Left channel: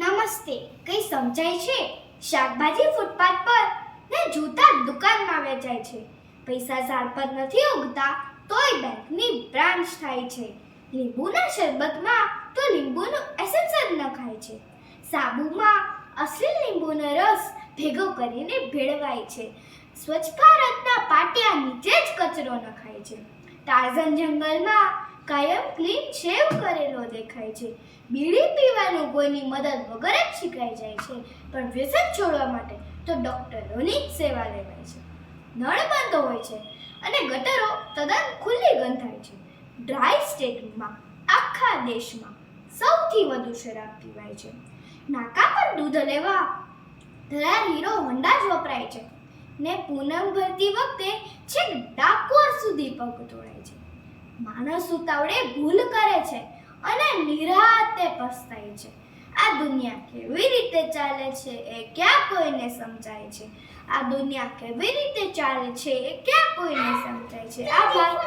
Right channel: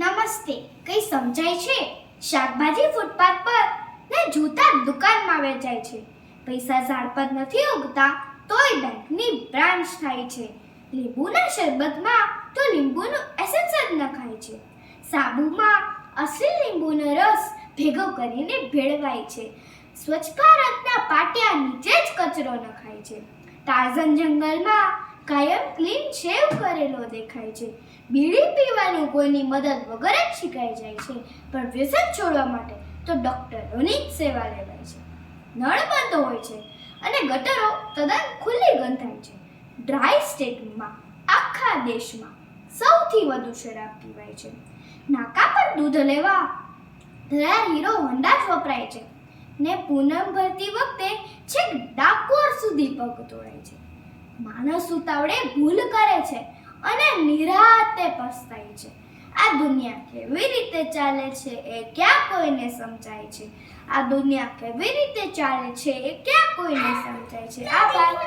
નમસ્તે. કઈ સમજાય છે? શાકભાજી ફૂટપાથ પર ને જૂતા દુકાનમાં વેચાય છે. પૈસા ઝાડ પર નથી ઉગતા તોય બેંકની બ્રાન્ચ થાય છે. લીંબુના શરબતમાં તો લીંબુનું એસેન્સ જ નખાય છે. સાબુમાં અસલી લીંબુનો રસ ભેગો કરીને ભેળવાય છે. સ્વચ્છ ભારતના પાટિયા નીચે જ કચરો નખાય છે. ટાર્ઝન જંગલમાં કાયમ ક્લીન શેવ કરેલો દેખાય છે. બીડી પીવાનું કોઈની મદદ વગર જ શીખાઈ જાય છે, પણ વ્યસન છોડવા માટે તો ડોક્ટરોની જ સેવા લેવાય છે. નળ બંધ હોય છે અને ગટરો તદ્દન ખુલ્લી ગંધાય છે. ડ્રાય સ્ટેટમાં આખા દેશમાં સૌથી વધુ શરાબ પીવાય છે. નાકા પર દૂધ લેવા તૈયાર હીરો હોન્ડા જ વપરાય છે ને પૂનમ ભરતી વખતે છેક ડાકોર સુધી પગ તોડાય છે. માણસ ઉતાવળે ભૂલ કરે છે અને નિરાતે પસ્તાય છે. આ દુનિયા કેવી રીતે ચાલે છે એ ક્યાં કોઈને સમજાય છે. આ દુનિયા કેવી રીતે ચાલે છે એ ક્યાં કોઈને સમજાય છે. આભાર.